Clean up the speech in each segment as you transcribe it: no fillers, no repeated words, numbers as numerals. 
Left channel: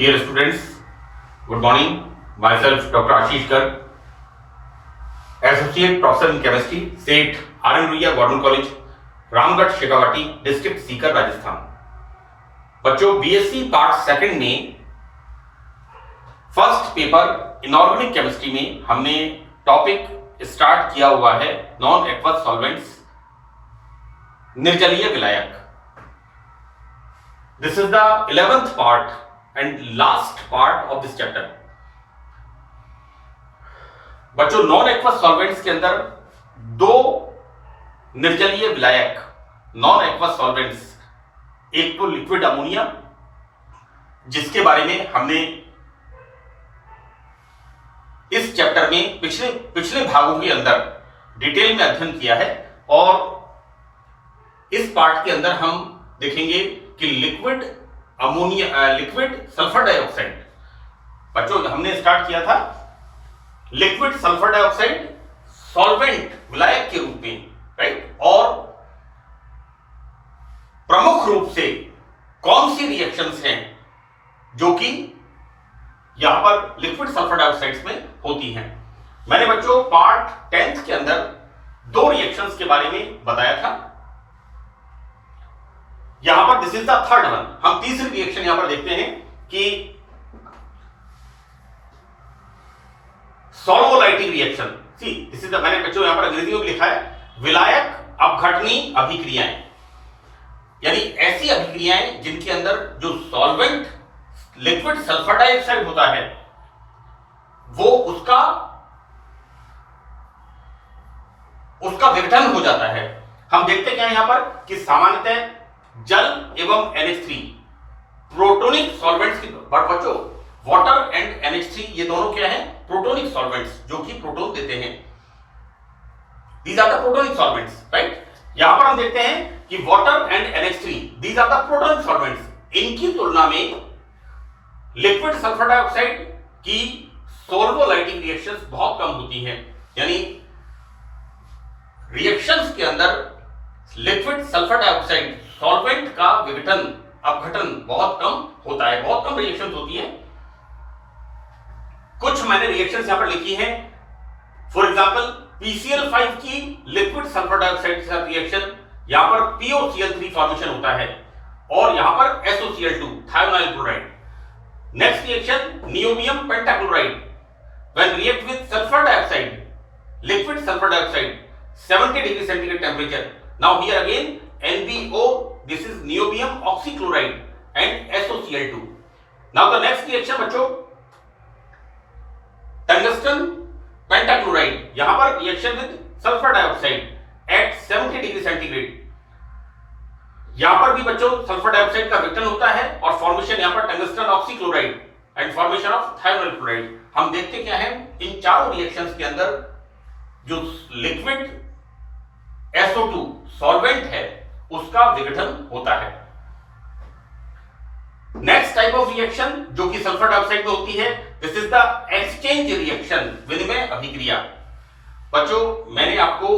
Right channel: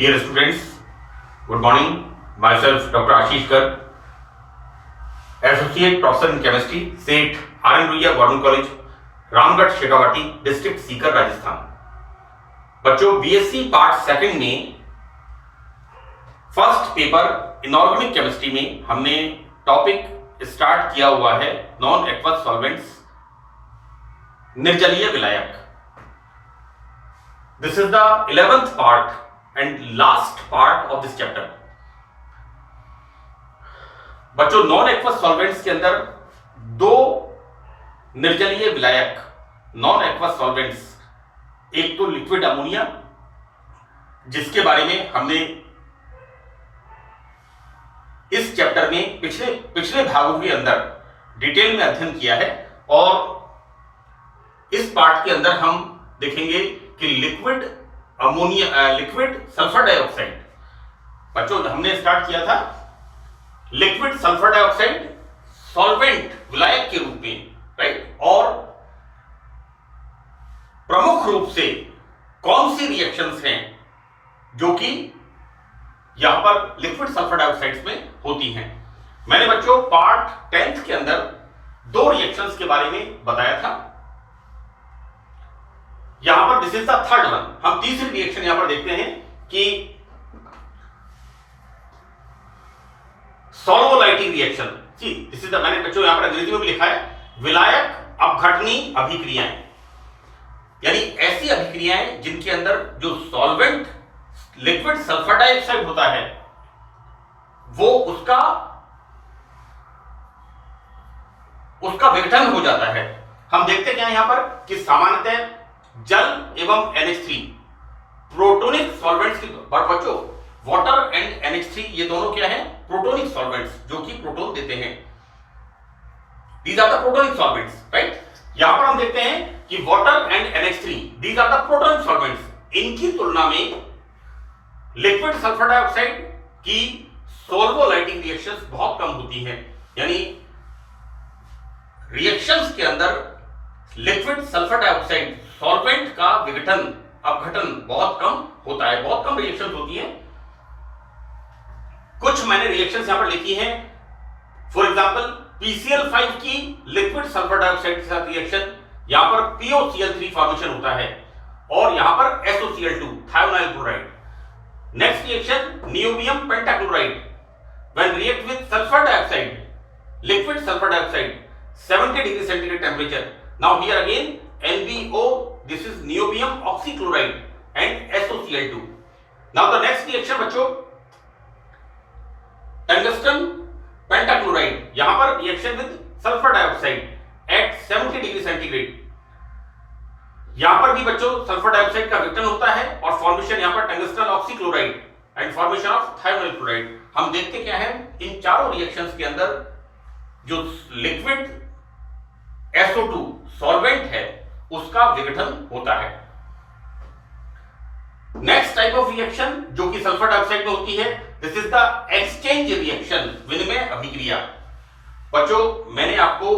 Dear students, good morning. Myself Dr. Ashish Garg, Associate Professor in Chemistry, SET, R.M. Ruia Government College, Ramgarh Shekhawati, district Sikar, Rajasthan. बच्चों, BSc part second में first paper inorganic chemistry में हमने topic start किया हुआ है non aqueous solvents, निर्जलीय विलायक। This is the 11th part and last part of this chapter. बच्चों, non aqueous solvents के अंदर दो निर्जलीय विलायक नॉन एक्वस सॉल्वेंट्स, एक तो लिक्विड अमोनिया, जिसके बारे में हमने इस चैप्टर में पिछले भागों के अंदर डिटेल में अध्ययन किया है, और इस पार्ट के अंदर हम देखेंगे कि लिक्विड सल्फर डाइऑक्साइड। बच्चों, हमने स्टार्ट किया था लिक्विड सल्फर डाइऑक्साइड सॉल्वेंट विलायक के रूप में, राइट। और प्रमुख रूप से कौन सी रिएक्शंस हैं जो कि यहां पर लिक्विड सल्फर डाइऑक्साइड्स में होती हैं। मैंने बच्चों पार्ट 10th के अंदर दो रिएक्शंस के बारे में बताया था। यहां पर this is the third one. हम तीसरी रिएक्शन यहां पर देखते हैं कि solvolytic reaction. See this is the, मैंने बच्चों यहां पर अंग्रेजी में भी लिखा है विलायक अपघटनी अभिक्रियाएं, यानी ऐसी अभिक्रियाएं जिनके अंदर जो सॉल्वेंट लिक्विड सल्फर डाइऑक्साइड होता है वो उसका विघटन हो जाता है। हम देखते क्या है यहां पर कि सामान्यतः जल एवं NH3 प्रोटोनिक सॉल्वेंट्स की, बच्चों वाटर एंड NH3 ये दोनों क्या है? प्रोटोनिक सॉल्वेंट्स, जो कि प्रोटोन देते हैं। These are the protonic solvents, right. यहां पर हम देखते हैं कि water and NH3 these are the protonic solvents. इनकी तुलना में लिक्विड सल्फर डाइऑक्साइड की सॉल्वोलाइटिक रिएक्शंस बहुत कम होती हैं, यानी रिएक्शंस के अंदर लिक्विड सल्फर डाइऑक्साइड सॉल्वेंट का विघटन अपघटन बहुत कम होता है, बहुत कम रिएक्शंस होती हैं। कुछ मैंने रिएक्शंस यहां पर लिखी हैं। फॉर एग्जांपल PCl5 की लिक्विड सल्फर डाइऑक्साइड के साथ रिएक्शन, यहां पर POCl3 फॉर्मेशन होता है, और यहां पर SOCl2 thionyl chloride. Next reaction niobium pentachloride when react with sulphur dioxide, liquid sulphur dioxide 70 degree centigrade temperature. Now here again NBO, this is niobium oxychloride and SOCl2. Now the next reaction बच्चों tungsten pentachloride, यहां पर reaction with sulphur dioxide eight 70 degree centigrade. यहां पर भी बच्चों sulphur dioxide का विघटन होता है और फॉर्मेशन यहां पर tungsten oxychloride and formation of thionyl chloride. हम देखते क्या है इन चारों रिएक्शंस के अंदर जो लिक्विड SO2 सॉल्वेंट है उसका विघटन होता है। नेक्स्ट टाइप ऑफ रिएक्शन जो कि सल्फर डाइऑक्साइड में होती है, this is the exchange reaction, विनिमय अभिक्रिया। बच्चों, मैंने आपको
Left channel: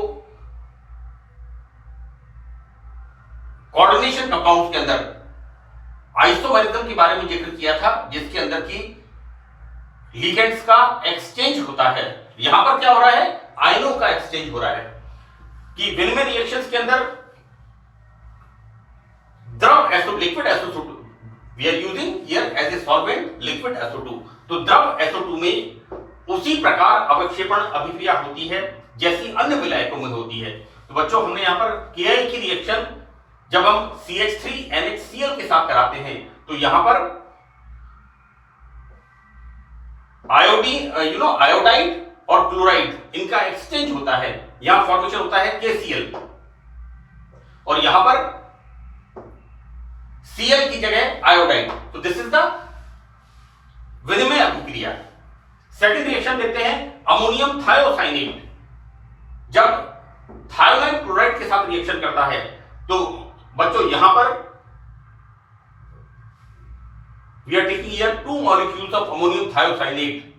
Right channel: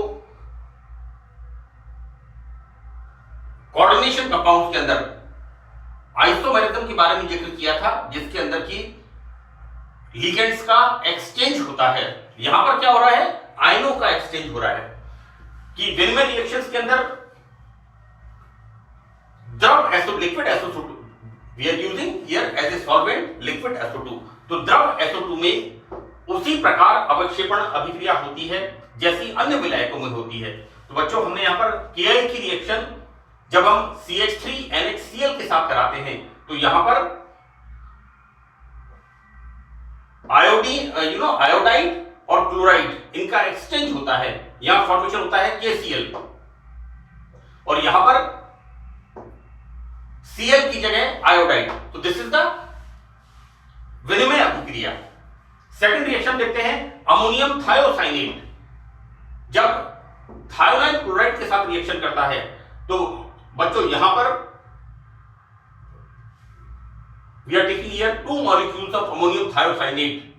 कोऑर्डिनेशन कंपाउंड्स के अंदर आइसोमेरिज्म के बारे में जिक्र किया था, जिसके अंदर की लिगेंड्स का एक्सचेंज होता है। यहां पर क्या हो रहा है? आयनों का एक्सचेंज हो रहा है कि विनिमय रिएक्शंस के अंदर द्रव liquid SO2 we are using here as a solvent liquid SO2। तो द्रव SO2 में उसी प्रकार अवक्षेपण अभिक्रिया होती है जैसी अन्य विलायकों में होती है। तो बच्चों, हमने यहां पर Ki की रिएक्शन जब हम CH3NHCl के साथ कराते हैं तो यहां पर आयोडाइड और क्लोराइड इनका एक्सचेंज होता है। यहां फॉर्मेशन होता है KCl, और यहां पर Cl की जगह आयोडाइड। तो दिस इज द विनिमय अभिक्रिया। सेकंड रिएक्शन देखते हैं अमोनियम थायोसाइनेट। जब थायोनाइल क्लोराइड के साथ रिएक्शन करता है तो बच्चों यहां पर we are taking here 2 molecules of ammonium thiocyanate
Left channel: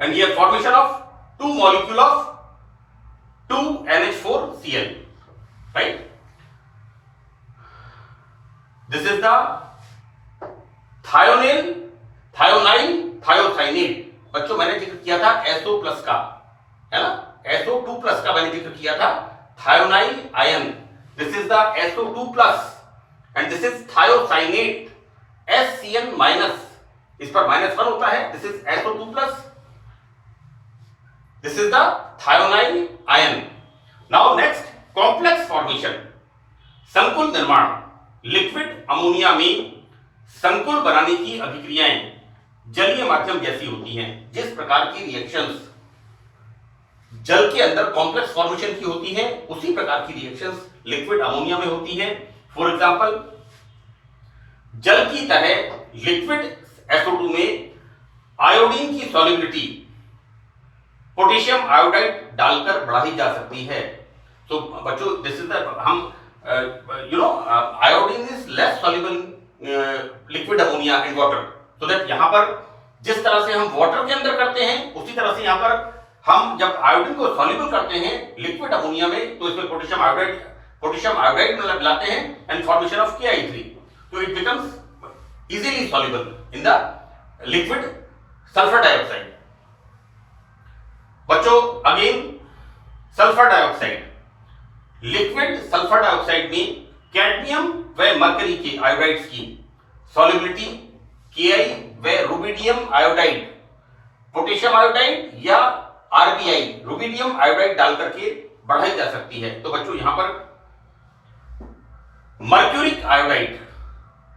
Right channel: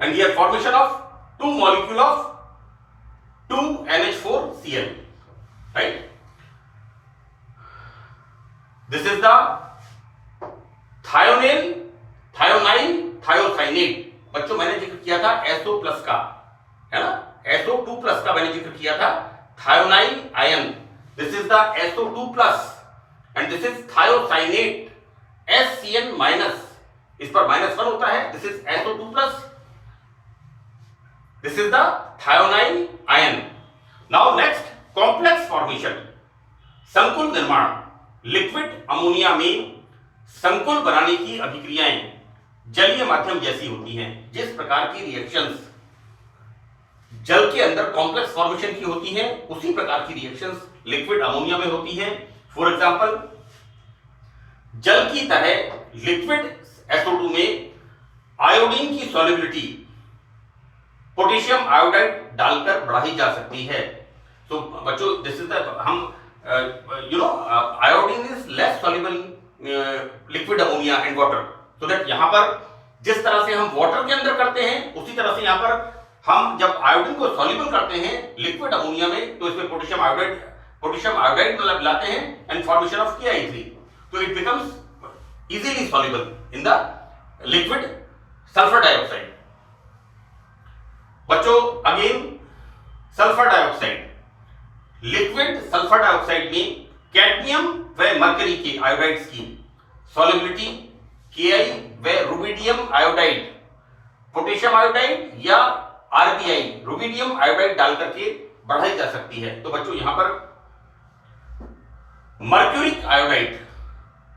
and here formation of 2 molecule of 2NH4Cl, right? This is the thionyl, thionine, thiocyanate. बच्चों मैंने जिक्र किया था SO प्लस का, है ना, SO2 प्लस का मैंने जिक्र किया था। Thionine ion, this is the SO2 plus and this is thiocyanate SCN minus, इस पर -1 होता है, this is SO2 plus, this is the thionine ion. Now next, complex formation, संकुल निर्माण। लिक्विड अमोनिया में संकुल बनाने की अभिक्रियाएं जलीय माध्यम जैसी होती हैं। जिस प्रकार की रिएक्शंस जल के अंदर कॉम्प्लेक्स फॉर्मेशन की होती हैं, उसी प्रकार की रिएक्शंस लिक्विड अमोनिया में होती हैं। फॉर एग्जांपल, जल की तरह लिक्विड SO2 में आयोडीन की सॉल्युबिलिटी पोटेशियम आयोडाइड डालकर बढ़ाई जा सकती है। तो बच्चों दिस इज द, हम iodine is less soluble liquid ammonia and water, so that यहां पर जिस तरह से हम वाटर के अंदर करते हैं, उसी तरह से यहां पर हम जब आयोडीन को सॉल्युबल करते हैं लिक्विड अमोनिया में, तो इसमें पोटेशियम आयोडाइड मिलाते हैं एंड फॉर्मेशन ऑफ KI3, तो it becomes easily soluble in the liquid sulphur dioxide. बच्चों again sulphur dioxide, liquid sulphur dioxide में कैडमियम व मरकरी के आयोडाइड्स की सॉल्युबिलिटी Ki व रुबिडियम आयोडाइड, पोटेशियम आयोडाइड या RBI रुबिडियम आयोडाइड डाल करके बढ़ाई जा सकती है। तो बच्चों यहां पर मर्क्यूरिक आयोडाइड,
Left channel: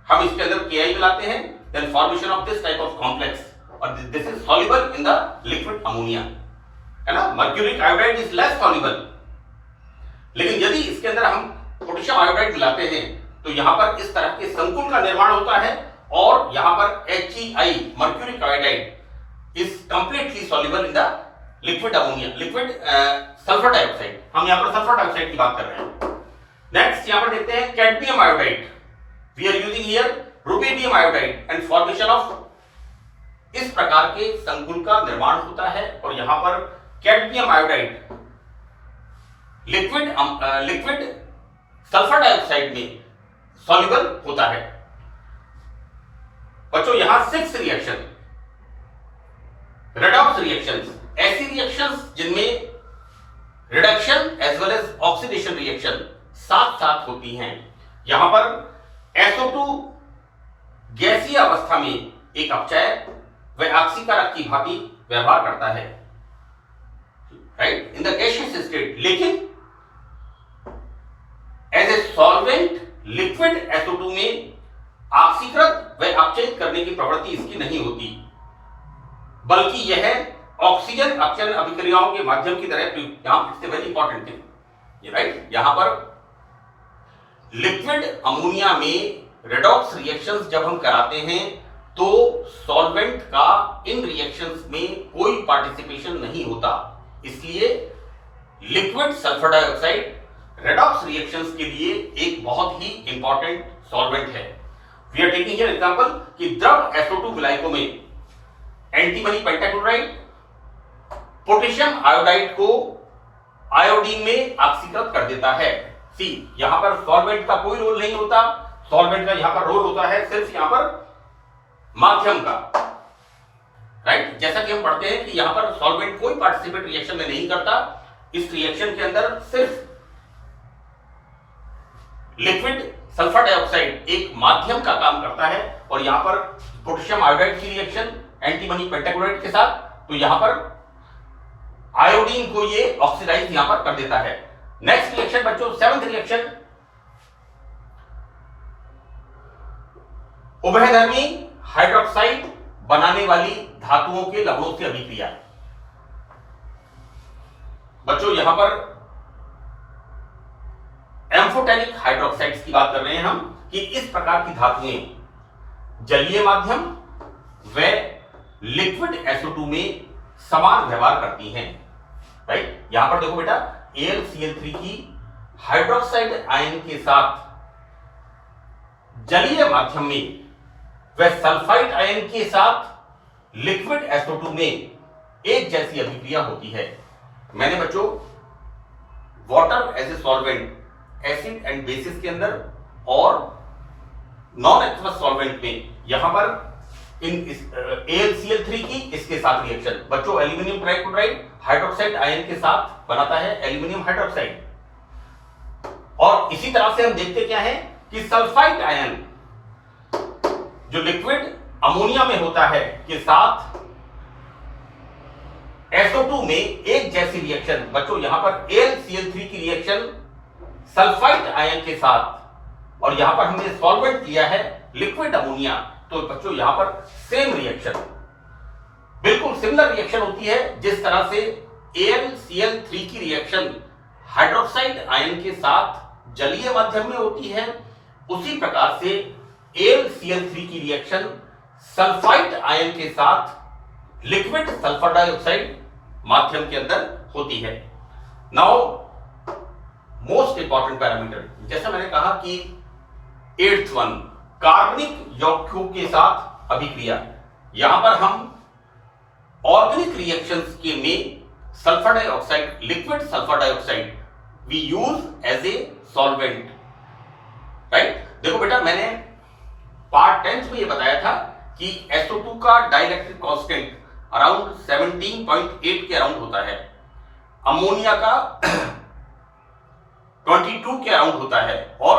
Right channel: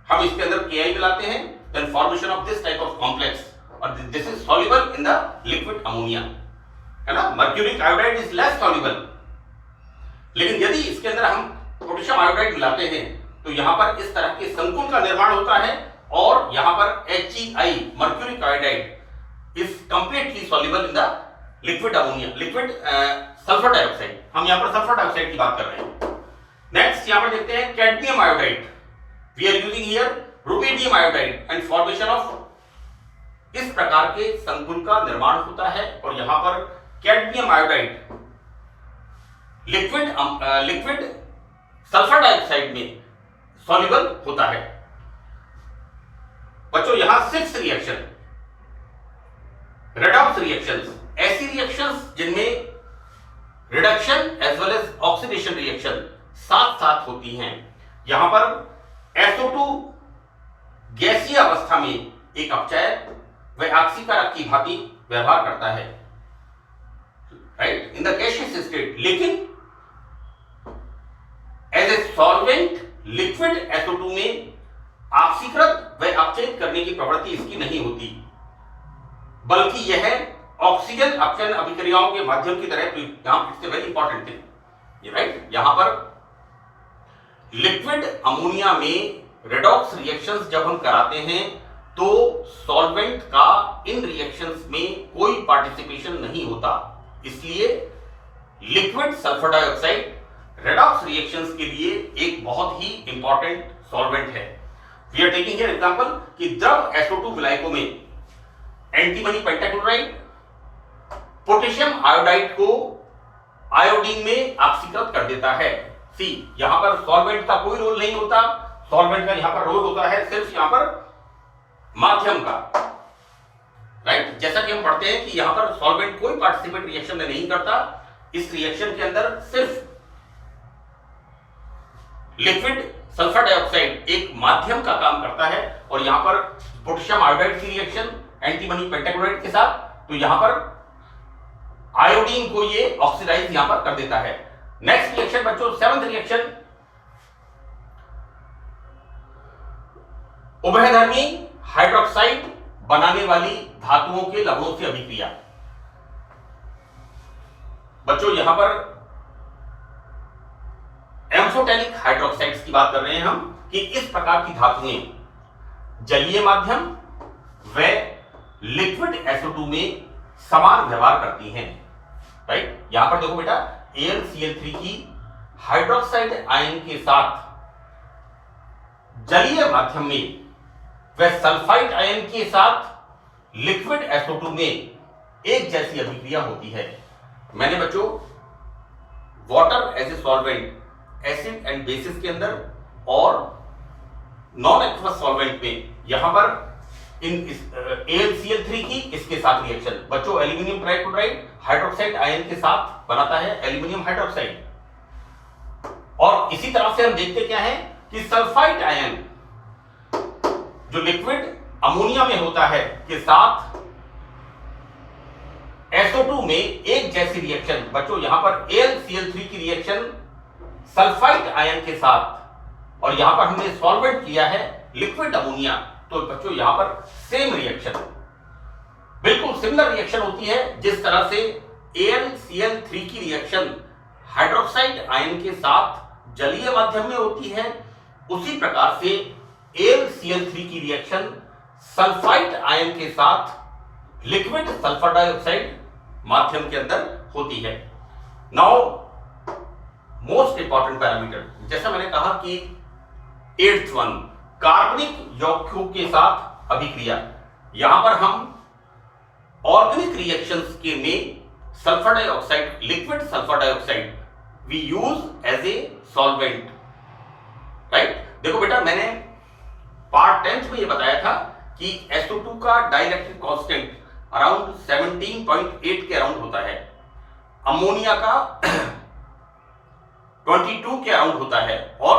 हम इसके अंदर Ki मिलाते हैं, then formation of this type of complex, और this is soluble in the liquid ammonia, है ना। Mercuric iodide is less soluble, लेकिन यदि इसके अंदर हम पोटेशियम आयोडाइड मिलाते हैं तो यहां पर इस तरह के संकुल का निर्माण होता है, और यहां पर HEI mercuric iodide is completely soluble in the liquid ammonia, liquid sulphur dioxide. हम यहां पर सल्फर डाइऑक्साइड की बात कर रहे हैं। नेक्स्ट यहां पर देखते हैं cadmium iodide, we are using here rubidium iodide and formation of, इस प्रकार के संकुल का निर्माण होता है, और यहां पर cadmium iodide liquid sulphur dioxide में सॉल्युबल होता है। बच्चों यहां 6 रिएक्शन, रेडॉक्स रिएक्शंस, ऐसी रिएक्शंस जिनमें reduction as well as oxidation reaction साथ साथ होती हैं। यहां पर SO2 गैसीय अवस्था में एक अपचय व ऑक्सीकारक की भांति व्यवहार करता है, right, in the gaseous state, लेकिन as a solvent liquid SO2 में ऑक्सीकृत व अपचयित करने की प्रवृत्ति इसकी नहीं होती, बल्कि यह ऑक्सीजन अपचयन अभिक्रियाओं के माध्यम की तरह, it's very important thing, right. यहां पर लिक्विड अमोनिया में रेडॉक्स रिएक्शंस जब हम कराते हैं तो सॉल्वेंट का इन रिएक्शंस में कोई पार्टिसिपेशन नहीं होता, इसलिए liquid sulphur dioxide redox reactions के लिए एक बहुत ही इंपॉर्टेंट सॉल्वेंट है। We are taking here example कि द्रव SO2 विलायकों में एंटीमनी पेंटाक्लोराइड पोटेशियम आयोडाइड को आयोडीन में ऑक्सीकृत कर देता है। सी, यहां पर सॉल्वेंट का कोई रोल नहीं होता, सॉल्वेंट का यहां पर रोल होता है सिर्फ यहां पर माध्यम का, राइट। जैसा कि हम पढ़ते हैं कि यहां पर सॉल्वेंट कोई पार्टिसिपेट रिएक्शन में नहीं करता, इस रिएक्शन के अंदर सिर्फ लिक्विड सल्फर डाइऑक्साइड एक माध्यम का काम करता है, और यहां पर पोटेशियम आयोडाइड की रिएक्शन एंटीमनी पेंटाक्लोराइड के साथ, तो यहां पर आयोडीन को ये ऑक्सीडाइज यहां पर कर देता है। नेक्स्ट रिएक्शन बच्चों, 7th रिएक्शन, उभयधर्मी हाइड्रोक्साइड बनाने वाली धातुओं के लवणों से अभिक्रिया। बच्चों यहां पर एम्फोटेरिक हाइड्रोक्साइड्स की बात कर रहे हैं हम, कि इस प्रकार की धातुएं जलीय माध्यम व लिक्विड SO2 में समान व्यवहार करती हैं, राइट। यहां पर देखो बेटा, AlCl3 की हाइड्रोक्साइड आयन के साथ जलीय माध्यम में व सल्फाइड आयन के साथ लिक्विड SO2 में एक जैसी अभिक्रिया होती है। मैंने बच्चों water as a solvent acid and bases के अंदर और नॉन एक्वस सॉल्वेंट में यहां पर इन AlCl3 की इसके साथ रिएक्शन, बच्चों एल्यूमिनियम ट्राइक्लोराइड हाइड्रोक्साइड आयन के साथ बनाता है एल्यूमिनियम हाइड्रोक्साइड। और इसी तरह से हम देखते क्या है कि सल्फाइड आयन जो लिक्विड अमोनिया में होता है के साथ SO2 में एक जैसी रिएक्शन, बच्चों यहां पर AlCl3 की रिएक्शन सल्फाइड आयन के साथ, और यहां पर हमने सॉल्वेंट किया है लिक्विड अमोनिया, तो बच्चों यहां पर सेम रिएक्शन, बिल्कुल सिमिलर रिएक्शन होती है जिस तरह से AlCl3 की रिएक्शन हाइड्रोक्साइड आयन के साथ जलीय माध्यम में होती है, उसी प्रकार से AlCl3 की रिएक्शन सल्फाइड आयन के साथ लिक्विड सल्फर डाइऑक्साइड माध्यम के अंदर होती है। नाउ मोस्ट इंपॉर्टेंट पैरामीटर, जैसा मैंने कहा कि 8th वन, कार्बनिक यौगिकों के साथ अभिक्रिया। यहां पर हम ऑर्गेनिक रिएक्शंस के में sulphur dioxide, liquid sulphur dioxide we use as a solvent, right. देखो बेटा, मैंने पार्ट 10th में ये बताया था कि SO2 का डाइइलेक्ट्रिक कांस्टेंट अराउंड 17.8 के अराउंड होता है, अमोनिया का 22 के अराउंड होता है, और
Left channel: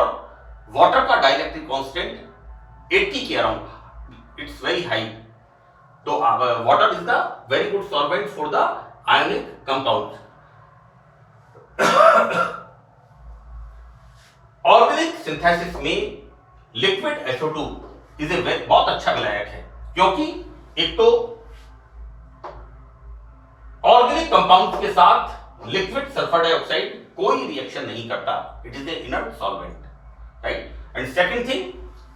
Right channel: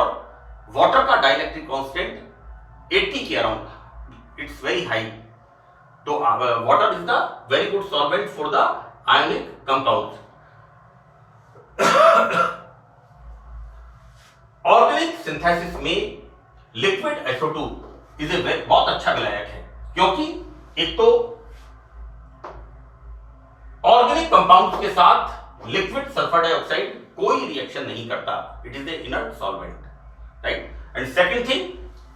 वाटर का डाइइलेक्ट्रिक कांस्टेंट 80 के अराउंड, इट्स वेरी हाई। तो water is the very good solvent for the ionic compound. Organic synthesis में लिक्विड SO2 इज ए बहुत अच्छा विलायक है, क्योंकि एक तो ऑर्गेनिक कंपाउंड के साथ लिक्विड सल्फर डाइऑक्साइड कोई रिएक्शन नहीं करता, it is a inert solvent, right. And second thing,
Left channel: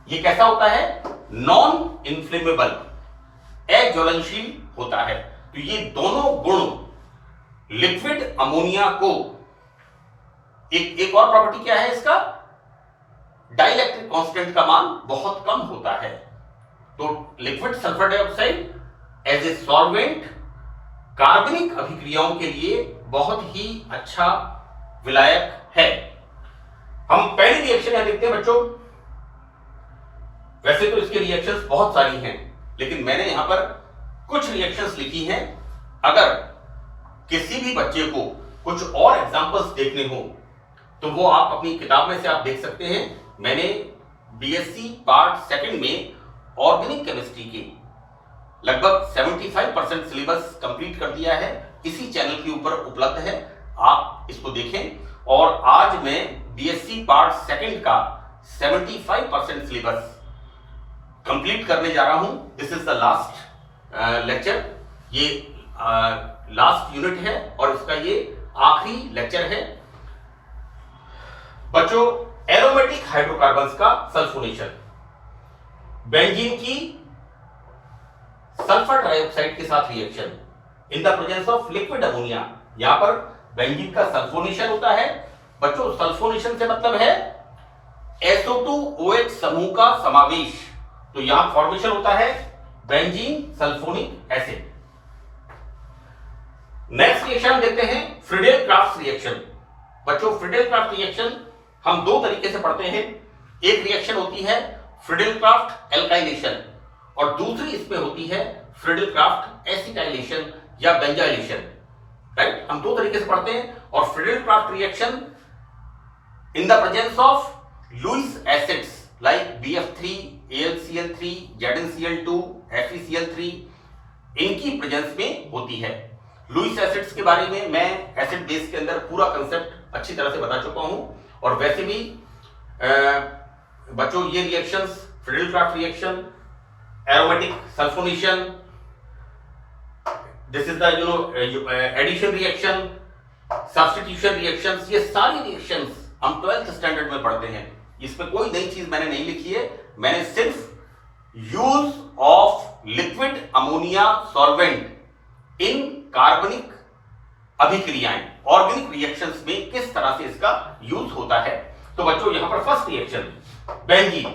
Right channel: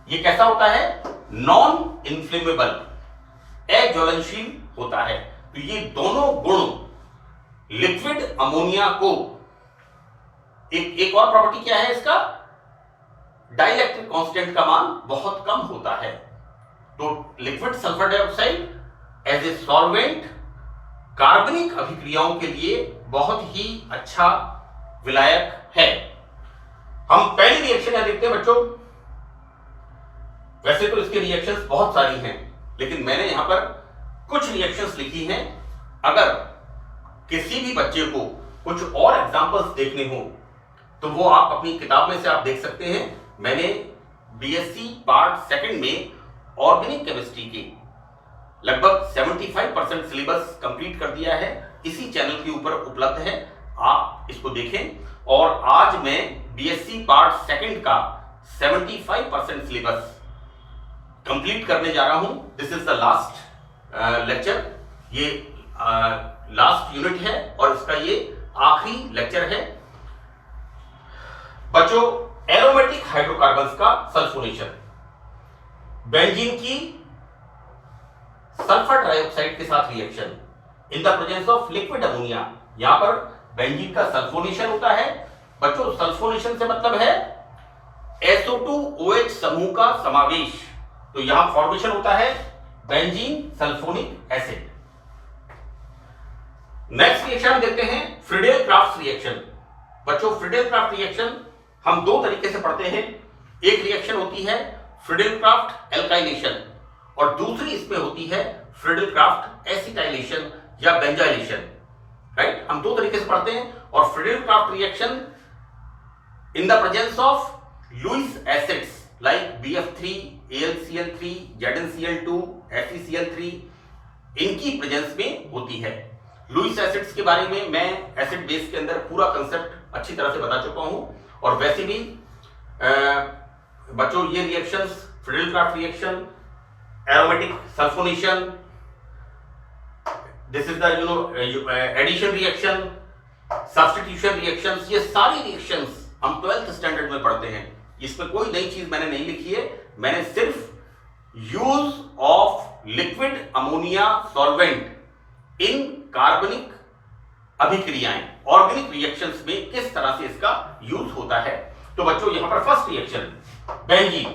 ये कैसा होता है, नॉन इन्फ्लेमेबल, अज्वलनशील होता है। तो ये दोनों गुण लिक्विड अमोनिया को, एक और प्रॉपर्टी क्या है इसका, डाइइलेक्ट्रिक कांस्टेंट का मान बहुत कम होता है। तो liquid sulphur dioxide as a solvent कार्बनिक अभिक्रियाओं के लिए बहुत ही अच्छा विलायक है। हम पहली रिएक्शन है देखते हैं बच्चों। वैसे तो इसके रिएक्शंस बहुत सारी हैं, लेकिन मैंने यहां पर कुछ रिएक्शंस लिखी हैं। अगर किसी भी बच्चे को कुछ और एग्जांपल्स देखने हो तो वो आप अपनी किताब में से आप देख सकते हैं। मैंने BSc पार्ट 2 में ऑर्गेनिक केमिस्ट्री के लगभग 75% सिलेबस कंप्लीट कर दिया है, इसी चैनल के ऊपर उपलब्ध है, आप इसको देखें। और आज मैं BSc पार्ट 2 का 75% सिलेबस कंप्लीट करने जा रहा हूं। This is the last lecture, ये लास्ट यूनिट है और इसका ये आखिरी लेक्चर है। बच्चों, एरोमेटिक हाइड्रोकार्बन्स का सल्फोनेशन, बेंजीन की सल्फर डाइऑक्साइड के साथ reaction in the presence of liquid ammonia, यहां पर बेंजीन का सल्फोनेशन होता है। बच्चों, सल्फोनेशन से मतलब है SO2OH समूह का समावेश, तो यहां फॉर्मेशन होता है benzene sulphonic acid. Next reaction देखते हैं, फ्रीडेल-क्राफ्ट रिएक्शन। बच्चों, फ्रीडेल-क्राफ्ट रिएक्शन हम दो तरीके से पढ़ते हैं। एक रिएक्शन होती है फ्रीडेल-क्राफ्ट एल्काइलेशन और दूसरी इसमें होती है फ्रीडेल-क्राफ्ट एसिटाइलेशन या बेंजाइलेशन, राइट। हम दो तरीके से पढ़ते हैं। और Friedel Craft reaction in the presence of Lewis acids like BF3, AlCl3, ZnCl2, FeCl3, इनकी प्रेजेंस में होती है। लुईस एसिड्स के बारे में मैं एसिड बेस के अंदर पूरा कंसेप्ट अच्छी तरह से बता चुका हूं। और वैसे भी बच्चों, ये reactions, Friedel Craft reaction, aromatic sulphonation, this is the addition reaction, substitution reactions, ये सारी रिएक्शंस हम 12th स्टैंडर्ड में पढ़ते हैं। इसमें कोई नई चीज मैंने नहीं लिखी है, मैंने सिर्फ use of liquid ammonia solvent in कार्बनिक अभिक्रियाएं, ऑर्गेनिक रिएक्शंस में किस तरह से इसका यूज होता है। तो बच्चों, यहां पर फर्स्ट रिएक्शन बेंजीन,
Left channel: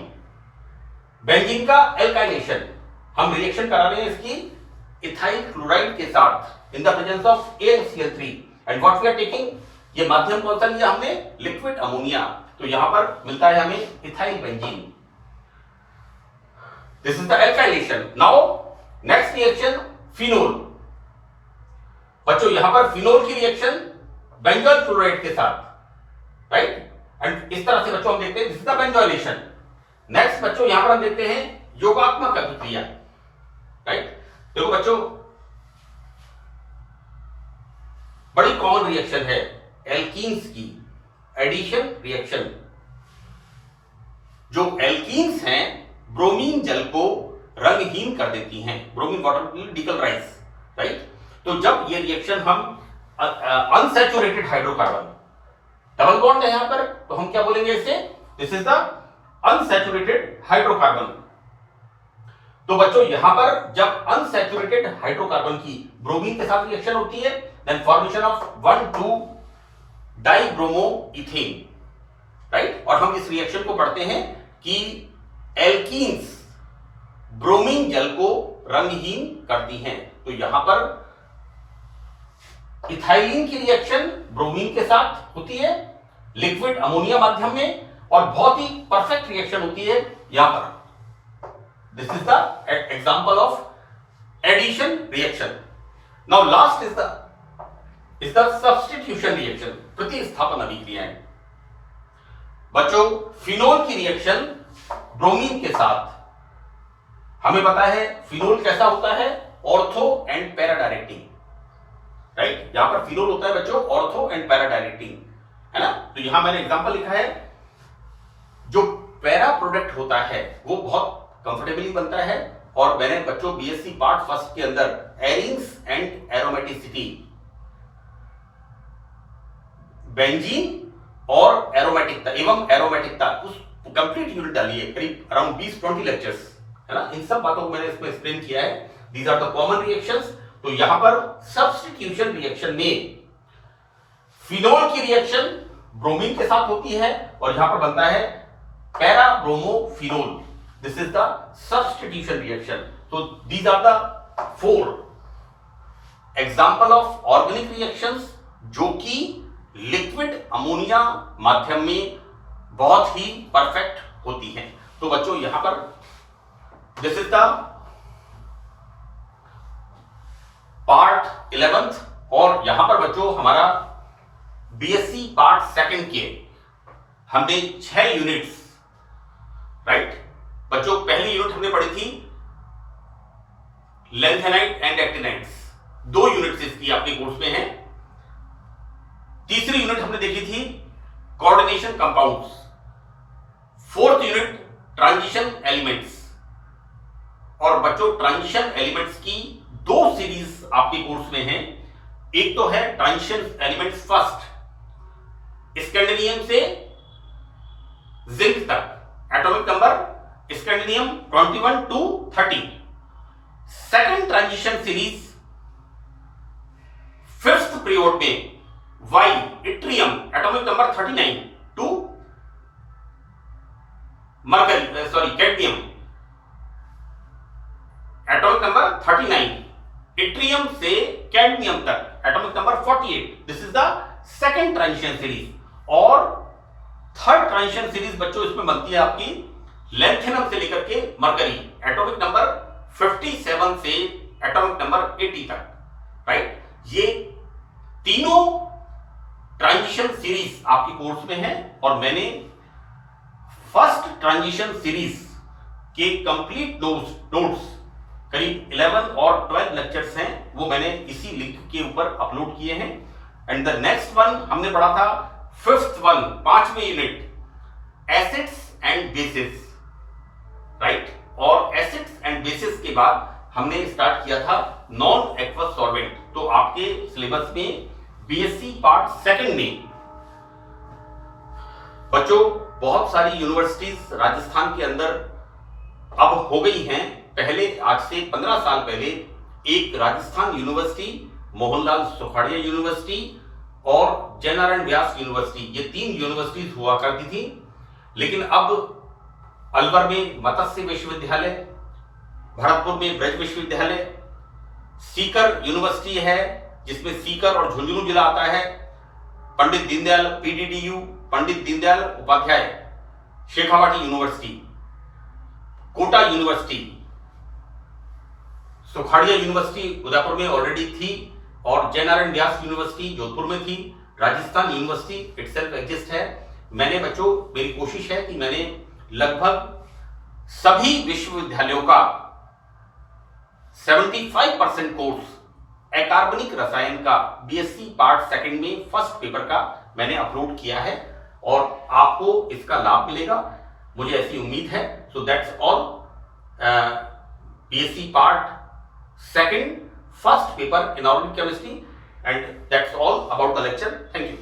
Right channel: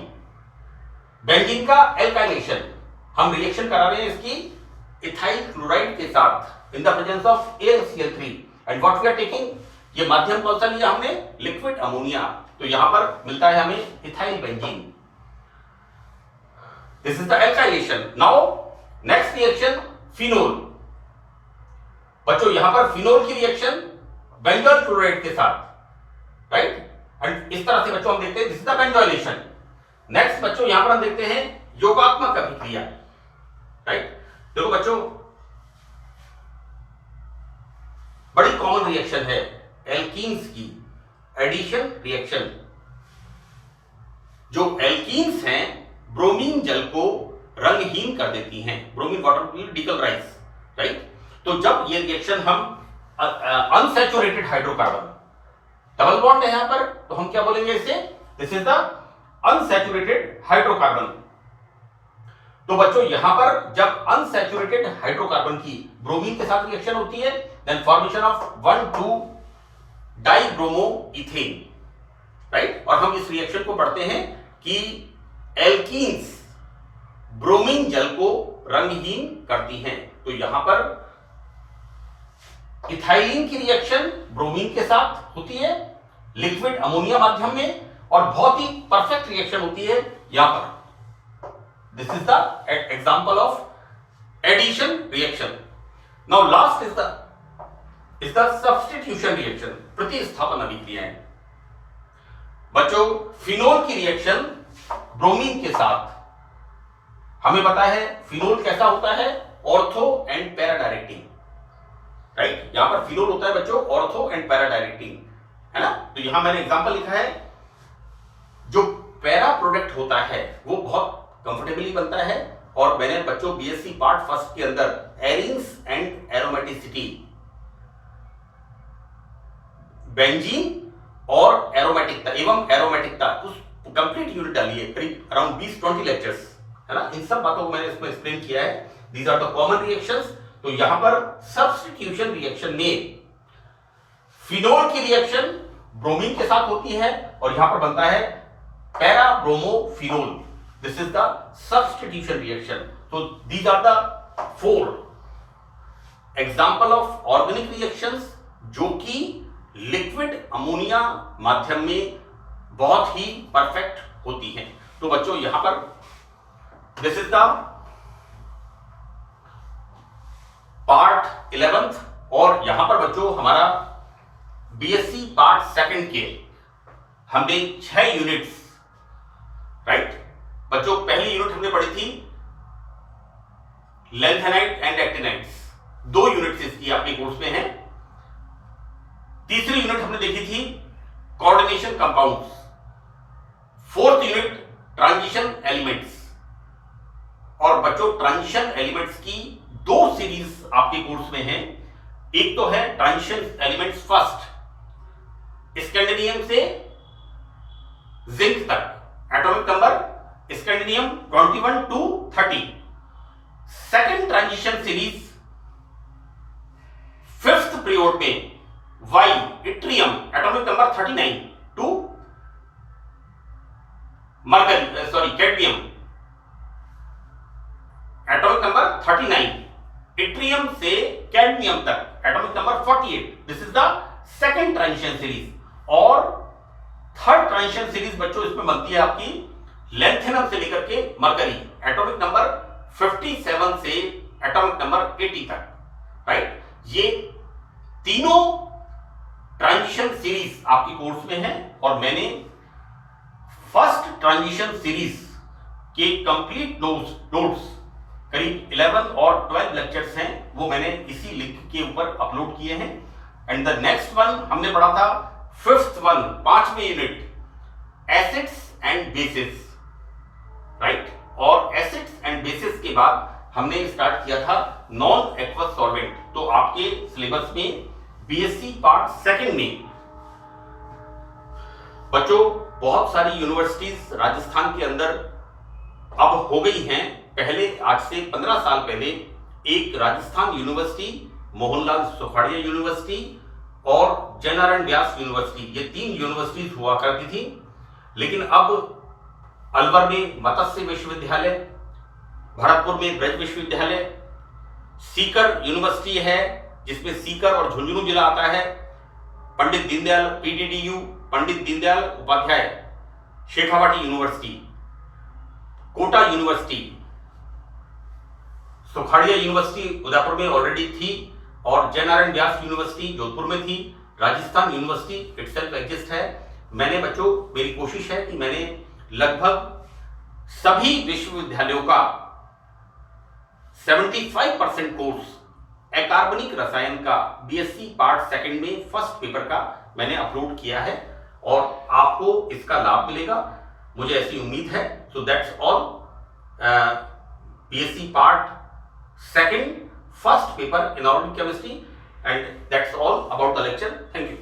बेंजीन का एल्काइलेशन, हम रिएक्शन करा रहे हैं इसकी इथाइल क्लोराइड के साथ in the presence of AlCl3 and what we are taking, ये माध्यम कौन सा लिया हमने, लिक्विड अमोनिया। तो यहां पर मिलता है हमें ethyl benzene. This is the alkylation. Now next reaction phenol. बच्चों यहां पर फिनोल की रिएक्शन बेंजोइल क्लोराइड के साथ, राइट, एंड इस तरह से बच्चों हम देखते हैं this is the benzoylation. Next बच्चों यहां पर हम देखते हैं योगात्मक अभिक्रिया, राइट। देखो बच्चों बड़ी कॉमन रिएक्शन है एल्कीन्स की, एडिशन रिएक्शन। जो एल्कीन्स हैं ब्रोमीन जल को रंगहीन कर देती हैं, bromine water will decolourise, right. तो जब ये रिएक्शन हम अनसैचुरेटेड हाइड्रोकार्बन, डबल बॉन्ड है यहां पर, तो हम क्या बोलेंगे इसे, this is the unsaturated hydrocarbon. तो बच्चों यहां पर जब अनसैचुरेटेड हाइड्रोकार्बन की ब्रोमीन के साथ रिएक्शन होती है, देन फॉर्मेशन ऑफ 1,2-डाइब्रोमोइथेन, राइट। और हम इस रिएक्शन को पढ़ते हैं कि एल्कीन्स ब्रोमीन जल को रंगहीन करती हैं। तो यहां पर इथाइलिन की रिएक्शन ब्रोमीन के साथ होती है लिक्विड अमोनिया माध्यम में, और बहुत ही परफेक्ट रिएक्शन होती है यहां पर। This is the example of addition reaction. Now last is the substitution reaction, प्रतिस्थापन अभिक्रियाएं। बच्चों फिनोल की रिएक्शन ब्रोमीन के साथ, हमें पता है फिनोल कैसा होता है, ortho and para directing, right. यहां पर फिनोल होता है बच्चों ऑर्थो एंड पैरा डायरेक्टिंग, है ना। तो यहां मैंने एग्जांपल लिखा है, जो पैरा प्रोडक्ट होता है वो बहुत कंफर्टेबली बनता है, और मैंने बच्चों बीएससी पार्ट फर्स्ट के अंदर एरिंग्स एंड एरोमेटिसिटी, बेंजीन और एरोमेटिकता एवं एरोमेटिकता, उस कंप्लीट यूनिट डाली है, करीब अराउंड 20-20 लेक्चर्स, है ना। इन सब बातों को मैंने इसमें एक्सप्लेन किया है। These are the common reactions. तो यहां पर सब्स्टिट्यूशन रिएक्शन में फिनोल की रिएक्शन ब्रोमीन के साथ होती है, और यहां पर बनता है para bromophenol. This is the substitution reaction. तो these are the 4 example of organic reactions जो कि लिक्विड अमोनिया माध्यम में बहुत ही परफेक्ट होती हैं। तो बच्चों यहां पर this is the part 11th, और यहां पर बच्चों हमारा बीएससी पार्ट सेकंड के हमने 6 यूनिट्स, राइट। बच्चों पहली यूनिट हमने पढ़ी थी लैंथेनाइट एंड एक्टिनाइट्स, 2 यूनिट्स इसकी आपके कोर्स में हैं। तीसरी यूनिट हमने देखी थी coordination compounds, 4th unit transition elements. और बच्चों ट्रांजिशन एलिमेंट्स की 2 सीरीज आपके कोर्स में हैं। एक तो है ट्रांजिशन एलिमेंट्स फर्स्ट, स्कैंडिनियम से जिंक तक, atomic number scandium 21 to 30। Second transition series 5th period में Y yttrium, atomic number 39 to mercury, sorry cadmium, atomic number 39, yttrium से कैडमियम तक, atomic number 48। This is the second transition series. और third transition series बच्चों इसमें बनती है आपकी lanthanum से लेकर के मरकरी, एटॉमिक नंबर 57 से एटॉमिक नंबर 80 तक, राइट। ये तीनों ट्रांजिशन सीरीज आपकी कोर्स में है, और मैंने फर्स्ट ट्रांजिशन सीरीज के कंप्लीट नोट्स करीब 11 और 12 लेक्चर्स हैं, वो मैंने इसी लिंक के ऊपर अपलोड किए हैं। एंड द नेक्स्ट वन हमने पढ़ा था 5th वन, 5वें unit, acids and bases, right. और एसिड्स एंड बेसिस के बाद हमने स्टार्ट किया था नॉन एक्वस सॉल्वेंट। तो आपके सिलेबस में बीएससी पार्ट सेकंड में बच्चों बहुत सारी यूनिवर्सिटीज राजस्थान के अंदर अब हो गई हैं। पहले आज से 15 साल पहले एक राजस्थान यूनिवर्सिटी, मोहनलाल सुखाड़िया यूनिवर्सिटी और जयनारायण व्यास यूनिवर्सिटी, ये 3 यूनिवर्सिटीज हुआ करती थी। लेकिन अब अलवर में मत्स्य विश्वविद्यालय, भरतपुर में ब्रज विश्वविद्यालय, सीकर यूनिवर्सिटी है जिसमें सीकर और झुंझुनू जिला आता है, Pandit Deendayal PDDU, Pandit Deendayal Upadhyaya Shekhawati university, Kota university, Sukhadia university Udaipur में ऑलरेडी थी, और जयनारायण व्यास यूनिवर्सिटी जोधपुर में थी। राजस्थान यूनिवर्सिटी इटसेल्फ एग्जिस्ट है। मैंने बच्चों, मेरी कोशिश है कि मैंने लगभग सभी विश्वविद्यालयों का 75% कोर्स अकार्बनिक रसायन का बीएससी पार्ट सेकंड में फर्स्ट पेपर का मैंने अपलोड किया है, और आपको इसका लाभ मिलेगा, मुझे ऐसी उम्मीद है। So that's all, BSc part second first paper inorganic chemistry, and that's all about the lecture. Thank you.